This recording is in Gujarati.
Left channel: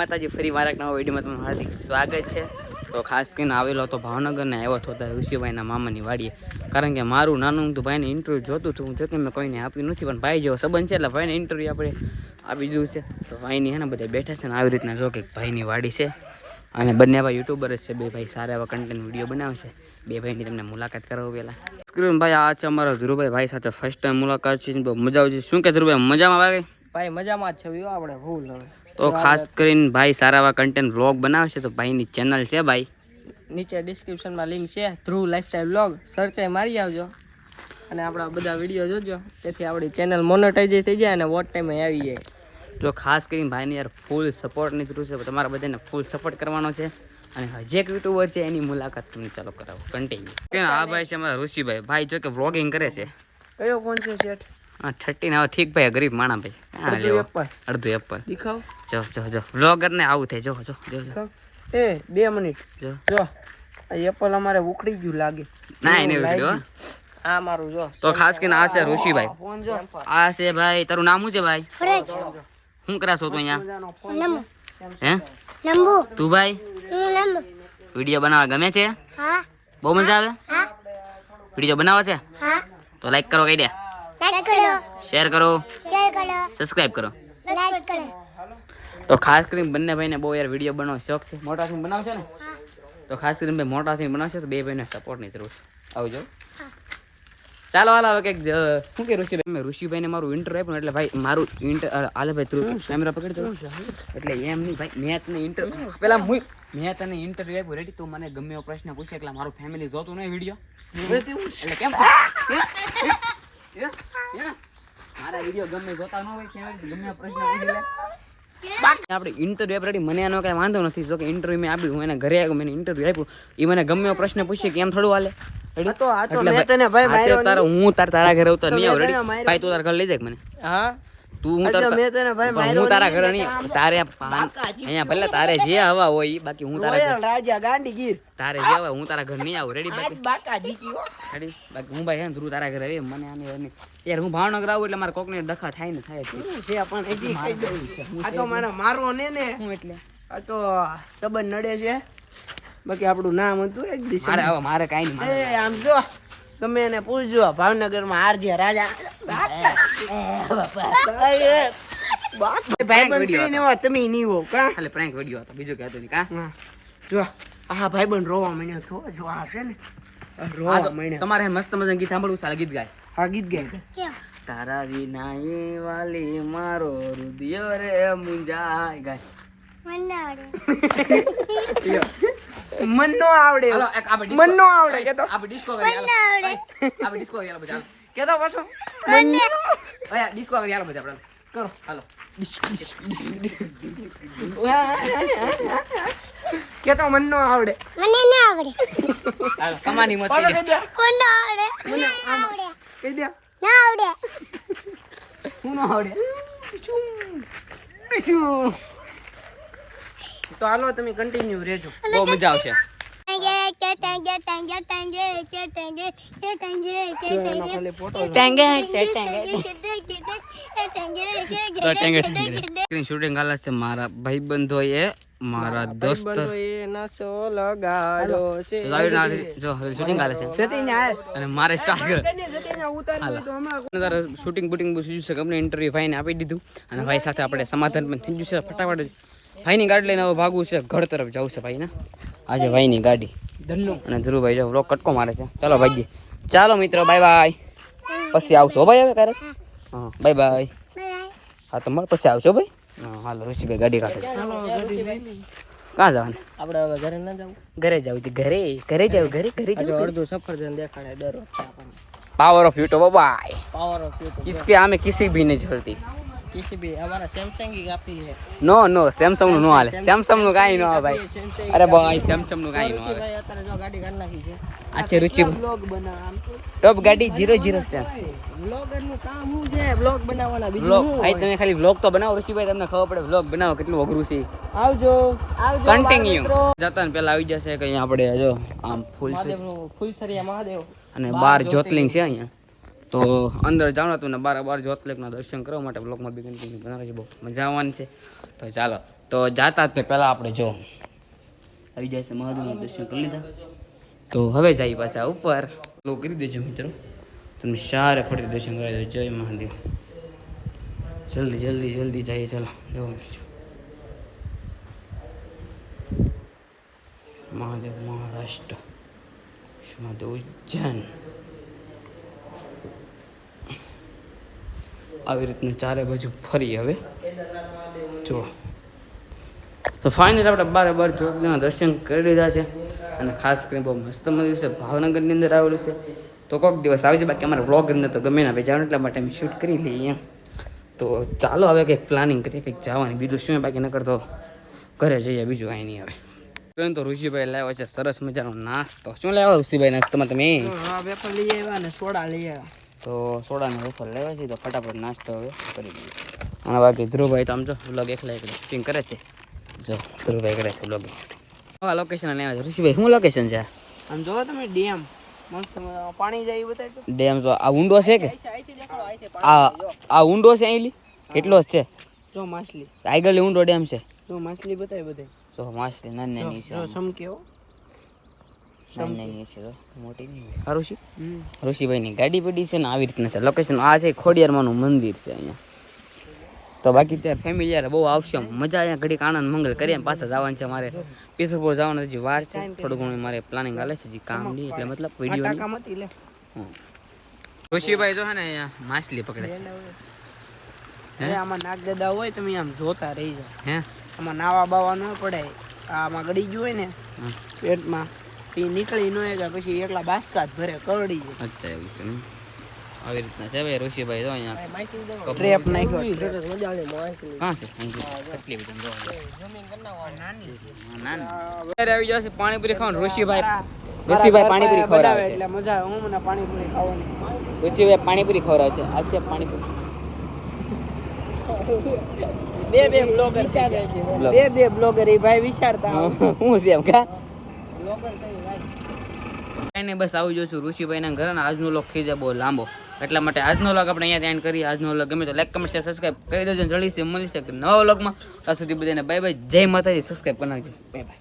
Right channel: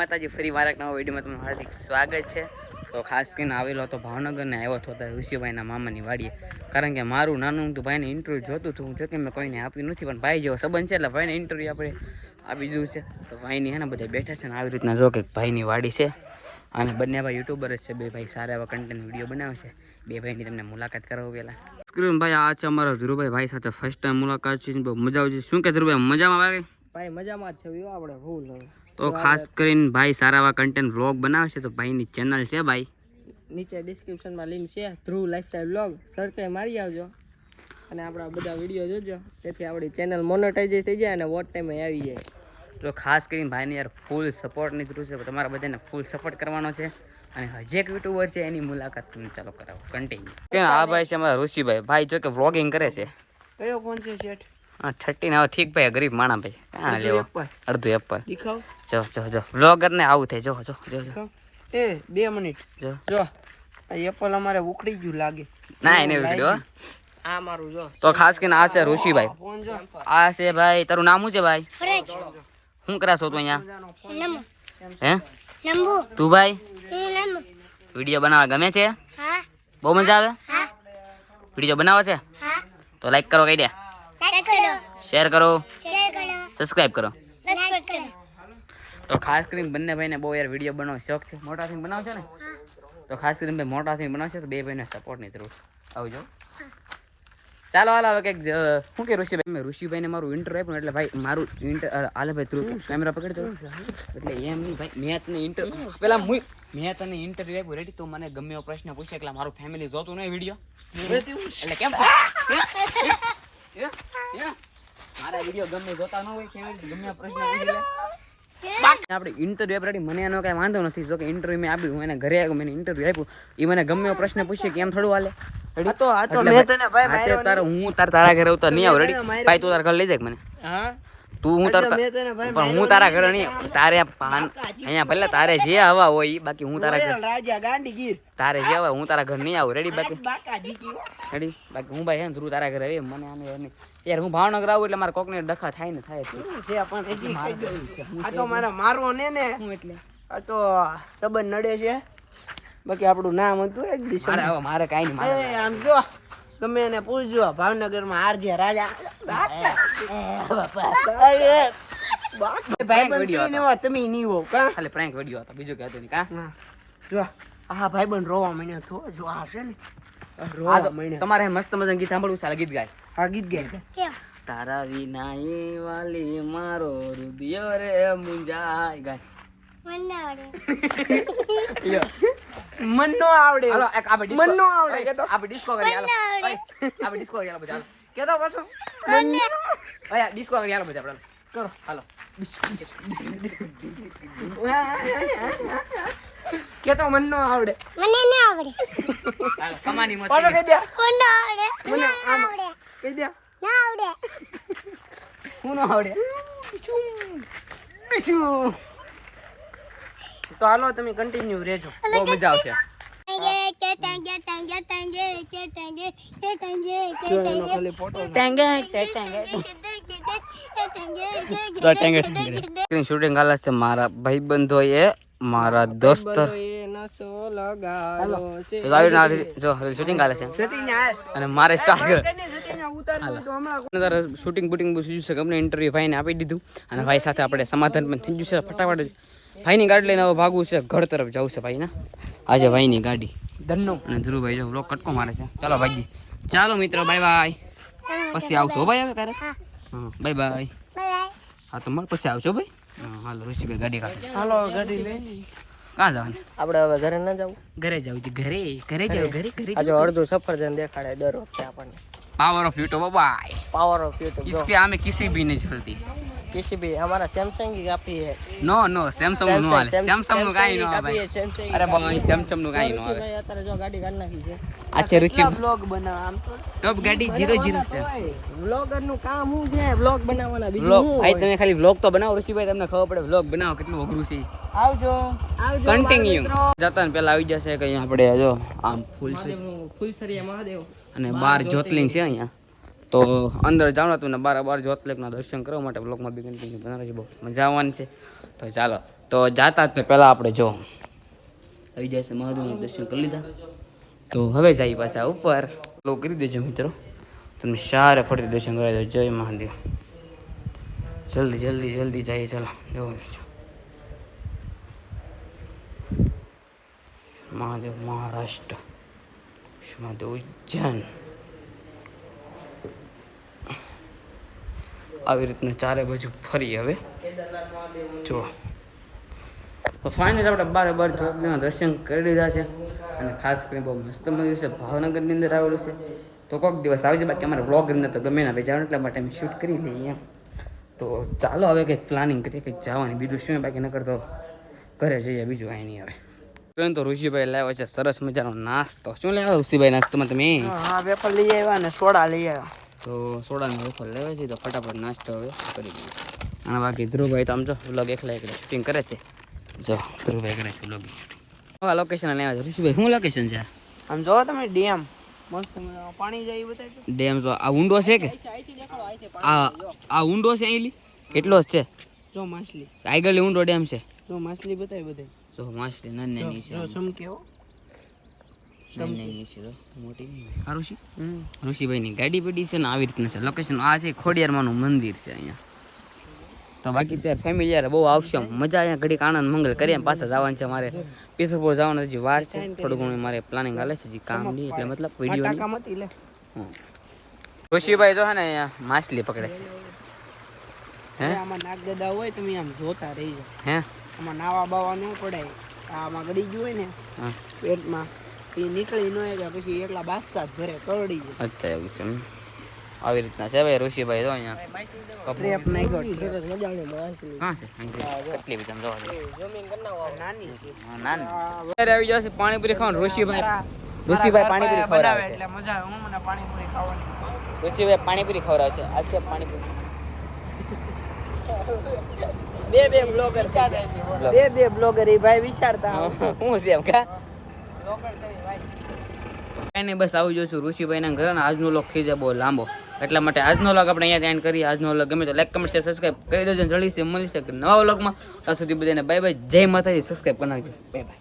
માતાજી, ફરી વાર એક નવા વિડીયોમાં તમારું હાર્દિક સ્વાગત છે. તો ખાસ કરીને આવેલો હતો ભાવનગર ને આવ્યો હતો ઋષિભાઈના મામાની વાડીએ, કારણ કે મારું નાનું તો ભાઈને ઇન્ટરવ્યૂ જોતું હતું. હું જોકે મેં કોઈને આપ્યું નથી, પણ ભાઈ જેવો સંબંધ છે એટલે ભાઈને ઇન્ટરવ્યૂ આપણે આપી દીધું છે. તો ભાઈની હે ને બધા બેઠા છે ને આવી રીતના જો કે ભાઈની વાડી છે, અને બંને ભાઈ યુટ્યુબર જ છે. બે ભાઈ સારા એવા કન્ટેન્ટ વિડીયો બનાવશે. બે ભાઈની તમને મુલાકાત કરાવું પહેલાં. સ્ક્રીન ભાઈ આ છે અમારા ધ્રુવભાઈ, ભાઈ સાથે ફર્સ્ટ ટાઈમ મુલાકાત છે. બહુ મજા આવશે. શું કે ધ્રુવભાઈ, મજામાં ભાઈ? ભાઈ મજામાં જ છે આપણે ફૂલ. તો ખાસ કરીને ભાઈ સારા એવા કન્ટેન્ટ વ્લોગ બનાવશે. તો ભાઈની ચેનલ છે ભાઈ, નીચે ડિસ્ક્રિપ્શનમાં લિંક છે, ધ્રુવ લાઈફસ્ટાઈલ વ્લોગ, સર્ચ મારી આવજો અને આપણા બધા વિડીયો જોજો, તેથી આપણી ચેનલ મોનેટાઈઝ થઈ જાય અને વોટ ટાઈમે આવી જાય. તો ખાસ કરીને ભાઈને યાર ફૂલ સપોર્ટની જરૂર છે. તમારા બધાને ફૂલ સપોર્ટ કરવાનો છે. અને હજી એક યુટ્યુબર છે, એની મુલાકાત તમને ચાલો કરાવો કન્ટિન્યુ. કે આ ભાઈ છે અમારા ઋષિભાઈ, ભાઈ જો કે વ્લોગિંગ કરે છે. કયો ફોન છે શેઠ? હા 13 હવે ઠીક ભાઈ, ગરીબ માણા ભાઈ. હા લેવો અડધું એપલ દેખાવ. જો વ્લોગર ને આવું થાય. જો એ 2 મિનિટ જો આ એપલ અમારે ઉખડી ગયું લાગે. ના એને વિડિયો આ મારું જો. તો ખાસ કરીને આ છે ઋષિભાઈ, ફોન જો. આ છે ભાઈ. તારું નામ શું છે ભાઈ? ફરજ શું કરાશો તું અહીંયા? નમો હે નંબુ તું ભાઈ નમો વિડીયો બનાવવા ગમે છે? હા બહુ મજા આવે? હા વિડીયો બનાવવા છે હા તો લાઈક કરો, કહી દે, લાઈક કરો, શેર કરો, શેર કરો, સબસ્ક્રાઇબ કરો. લાઈક કરો. તો ખાસ કરીને બંને ભાઈને બહુ યાર વિડીયો બનાવવાનો શોખ છે. મોટા થઈને બનાવશે ને, તો ખાસ કરીને ભાઈ મોટા થઈને બનાવશે તો બે ભાઈને સપોર્ટની જરૂર છે. આવજો. ચાલો હાલ હવે કંઈક શું કે ઋષિભાઈ, મેં ઋષિભાઈને મારું ઇન્ટરવ્યુ આપ્યું એટલે ભાઈ મારું હાલે ભાઈ તું કેમેરા પકડી દો. એટલે એમ નહીં ભાઈ, મેં તને ઇન્ટરવ્યુ પહેલા મેં તને ઇન્ટરવ્યુ આપ્યું રેડી, તું મને ગમે એવો પ્રશ્ન પૂછે એટલે મારું ફેમિલી જોતું નહીં વિડીયો, એટલે કેમ મારા વિડીયો ગમે જોતા ન હોય ફેમિલી, ગમે એવો પ્રશ્ન પૂછે આપણે ઇન્ટરવ્યુ આપ રેડી. મને એનો કાંઈ વાંધો નથી. જો કે ઇન્ટરવ્યુ મેં આપ્યું, હું એને ઘરે આવ્યો, મને ઇન્ટરવ્યુ આપ્યું, એ મને ગમે એવો પ્રશ્ન પૂછે કે એમ થોડું હાલે રેડી. એટલે તારા હું તારા ઘરે આવતા નહીં આવું રેડી. ભાઈ તું તારા ઘરે લઈ જાય મને. હા તું હું તારા ઘરે નહીં, તારે અહીંયા ભલે તારે જે હવા હોય બાકી હું તારા ઘર રાજા ગાંડીગીર તારે જે હવા હું તારા ઘર નહીં આવું રેડી. બાકી બાકાજી કયો રેડી બાકી હું ભાઈ હે ધ્રુવ તારા ઘરે આવે મને આને નહીં યાર. હું ભાવનગર આવું એટલે મારે કોકને ડખા થાય ને થાય છે પણ હજી આ તો મારો ને હું એટલે આ તો સંબંધ નડે છે. બાકી આપણું નામ હતું એક દિવસ મારે કાંઈ નહીં. આમ જો તમે એને પૂછજો ભાવનગરમાં આરજે રાજા તમે નહીં હો કા, ખાલી પ્રેન્ક વિડીયો હતો, બીજું કહેતો નહીં કા. જો આ ભાઈબંધ રોવા માંડ્યો તો જો આ છે ને રોવા માંડ્યો. તમારે મસ્ત મજાનું ગીત સાંભળવું છે, ગીત ગાય. આ ગીત ગાય કેમ તારા વિના એ વાલી મારો રુદિયો રે મુંજાય ગાય. મને આવડે મન નો આવડે, મન નો આવડે કે તો આપણે ડિસ્કો કરી હાલો, આવડે આપણે ડિસ્કો કરી હાલો બધા, કે તો પાછો મને ઓય ડિસ્કો કરી હાલો બધા આપણે કરો હાલો. કે તો મન નો આવડે, મને ના આવડે, હાલો કમાની પાછો મસ્તી. કહી દે, કોણ આવડે, મને આવડે કહી દે ના આવડે, હું નો આવડે. તો હાલો તમે કન્ટિન્યુ રહેજો, બહુ મજા આવશે. ટાંગે કે ટાંગે ટાંગે ટાંગે કે ટાંગે કે ટાંગે કે ટાંગે સ્ક્રીન શૂટિંગ હાલે છે મારા ભાઈબંધો એ, મારા દોસ્તો નસો લગાડો છે જો શૂટિંગ હાલે છે અને મારે સ્ટાર્ટ કરે. શૂટિંગ બુટિંગ બધું થયું છે, અમને ઇન્ટરવ્યુ ભાઈને આપી દીધું અને ભાઈ સાથે આપણે સમાધાન પણ થઈ ગયું છે. ફટાફટ ભાઈની ગાડી લઈને હવે ભાગવું છે, ઘર તરફ જવું છે ભાઈને. આજે ભાઈની ગાડી ધન્નો અને ધ્રુવભાઈ જો બ્લોક કટકો મારે છે. ચાલો ભાઈજી, ચાલો મિત્રો, બાય બાય. પછી આવશો ભાઈ હવે ક્યારેક. હા બાય બાય. હા તમારે પછી આવશો ભાઈ. હા હાલો ઋષિભાઈ ગાડી કાઢો. હાલો ગાડી લઈ. ક્યાં જવાનું? આપણે હવે ઘરે ના જવું, ઘરે જવું છે. ઘરે જાવ ઘરે આજે અડધું સફરજન દેખાડે દર વખતે આપણને. Power of YouTube by, power of YouTube इसके हमें किसी भी नहीं चलती, किसी भी हमारा सैमसंग की काफी है. नो नो सैमसंग नो हाले, सैमसंग नो काई नो भाई. अरे भाई सैमसंग नो काई नो ભાઈ અત્યારે જો ગાડી કાઢ નાખી છે. अच्छा रुचि બ્લોગ બના આમ તો टॉप गाड़ी 00 से વ્લોગર નું કામ શું છે? વ્લોગ બનાવવાના બીજું व्लॉग શું भाई હોય? તમે ખાલી વ્લોગ તો બનાવો ઋષિભાઈ, તમને ખબર પડે વ્લોગ બનાવો કેટલું અઘરું છે. આવજો આવજો કન્ટિન્યુ જતા ને પેલા આવી જશે કે અહીંયા આપણે જો આમ ફૂલ છે મહાદેવનું ફૂલછરિયા મહાદેવ અને 12 જ્યોતિર્લિંગ છે અહીંયા. તો અંદર જાણો તો ને 12 જ્યોતિર્લિંગના દર્શન કરવા માટે વ્લોગમાં બી કન્ટિન્યુ બનાવજો, બહુ મજા આવવાની છે. તો ચાલો તો જાતા જ પહેલાં આપણે જો આવી જાય છે મહાદેવના દર્શન કરી લીધા. તો હવે જઈએ પાછા ઉપર. ફોલો કરી દેજો મિત્રો, તમને સારા ફરીથી દર્શન કરાવી દો. જય મહાદેવ. જલ્દી જલ્દી જલ્દી જઈએ. ચાલો જવું છે મહાદેવ મહારાષ્ટ્ર, મહાદેવ ઉજ્જૈન. આવી રીતના ચારે બાજુ ફરી હવે જો. તો ફાઇનલ આપણે બાર દર્શન કરી લીધા છે. અને ખાસ કરીને બહુ મસ્ત મંદિર છે, ભાવનગરની અંદર આવેલું છે. તો કોઈક દિવસ આવજે, બાકી અમારે વ્લોગ અંદર તો ગમે ના ભાઈ જવાનું, એટલા માટે અમે શૂટ કરી લઈએ એમ. તો ચાલો હવે કંઈક પ્લાનિંગ કરીએ, કંઈક જવાની. બીજું શું બાકી નકર તો ઘરે જઈએ, બીજું કાંઈ નહીં આવે. તો ઋષિભાઈ લાવ્યા છે સરસ મજાનો નાસ્તો. શું લાવ્યા ઋષિભાઈ નાસ્તામાં તમે? હા, વેફર લઈ આવ્યા અને સોડા લઈ આવ્યા. તો સોડાને વેફર લેવા છે, તો ફટાફટ નાસ્તો હવે કરી દઈએ. અને બાકી ધ્રુવભાઈ તો આમ જો વ્લોગ એકલા શૂટિંગ કરે છે. જો ધ્રુવભાઈ કરે છે વ્લોગિંગ. હા, લોકેશન લેવા છે ઋષિભાઈ. શું લોકેશન છે? આમ જોવો તમે, ડેમ મસ્ત પાણી જાય બતાવી. ડેમ તો આ ઊંડો છે કે આ ઊંડો છે? અહીં એટલો જ છે. જો માછલી આગળ ઊંડો ડેમ છે. જો માછલી બતાવી બતાવી. તો માછલી નાની છે, ચમકેવો નાની છે, મોટી નહીં. આ ઋષિભાઈની ગાડી પડી છે ને આવી રીતના છે લોકેશન. આ છે ખોડિયારમાંનું મંદિર છે અહીંયા. તો બાકી ત્યારે ફેમિલી યાર બહુ આવશે, મજા અહીંયા ઘડીક આનંદ મંગલ કરીએ. પાછા જવાનું છે મારે પીસરપુર જવાનું, હજી વાર છે. થોડું ઘણું મારે પ્લાનિંગ હાલે છે, હજી કામ નહીં એટલે મતલબ વિડીયો. ઋષિભાઈ તો છે ને અહીંયા માછલી પકડે છે. આમાં નાગ ગદા હોય તમે આમ જોતા રહી જાવ. હે આમાં નાવા બાવા ન પડાય. આમાં ગળી ગયું હોય ને પેટમાં, એ નીકળી ન જાય પછી એકલા બાસકા જ ઘરે કરડી જાય. અચ્છા એવું છે. આવી રીતના છે ભાઈ ઋષિભાઈ તો અહીંયા ટ્રેપ નાખ્યો. હા છે કેટલી બધી આવી જશે. પાણીપુરી ખાવાનું ઋષિભાઈ પાણીપુરી બનાવે એટલે મજા આવે. હું મને પાણીપુરી ખાવાની. ઋષિભાઈ પાણીપુરી ખવડાવે છે. આ છે પાણીપુરી. બે બ્લોગર એ ભાઈ વિચારતા હું છે એમ કા બ્લોગર છે ભાઈ. કાંઈ નહીં, બસ આવી જાઉં છું ઋષિભાઈના ઘરે. ને આજનો લોક થઈ જાય બહુ લાંબો, એટલા માટે આજનો લોક આપણે અહીંયા એન્ડ કરીએ. આજનો લોક ગમે તો લાઈક કમેન્ટ શેર સબસ્ક્રાઈબ કરી દેજો. જલ્દીથી મળી શકે નવા વ્લોગમાં. ત્યાં સુધી બધાને બાય બાય. જય માતાજી. સબસ્ક્રાઈબ કરી નાખજો. Bye bye.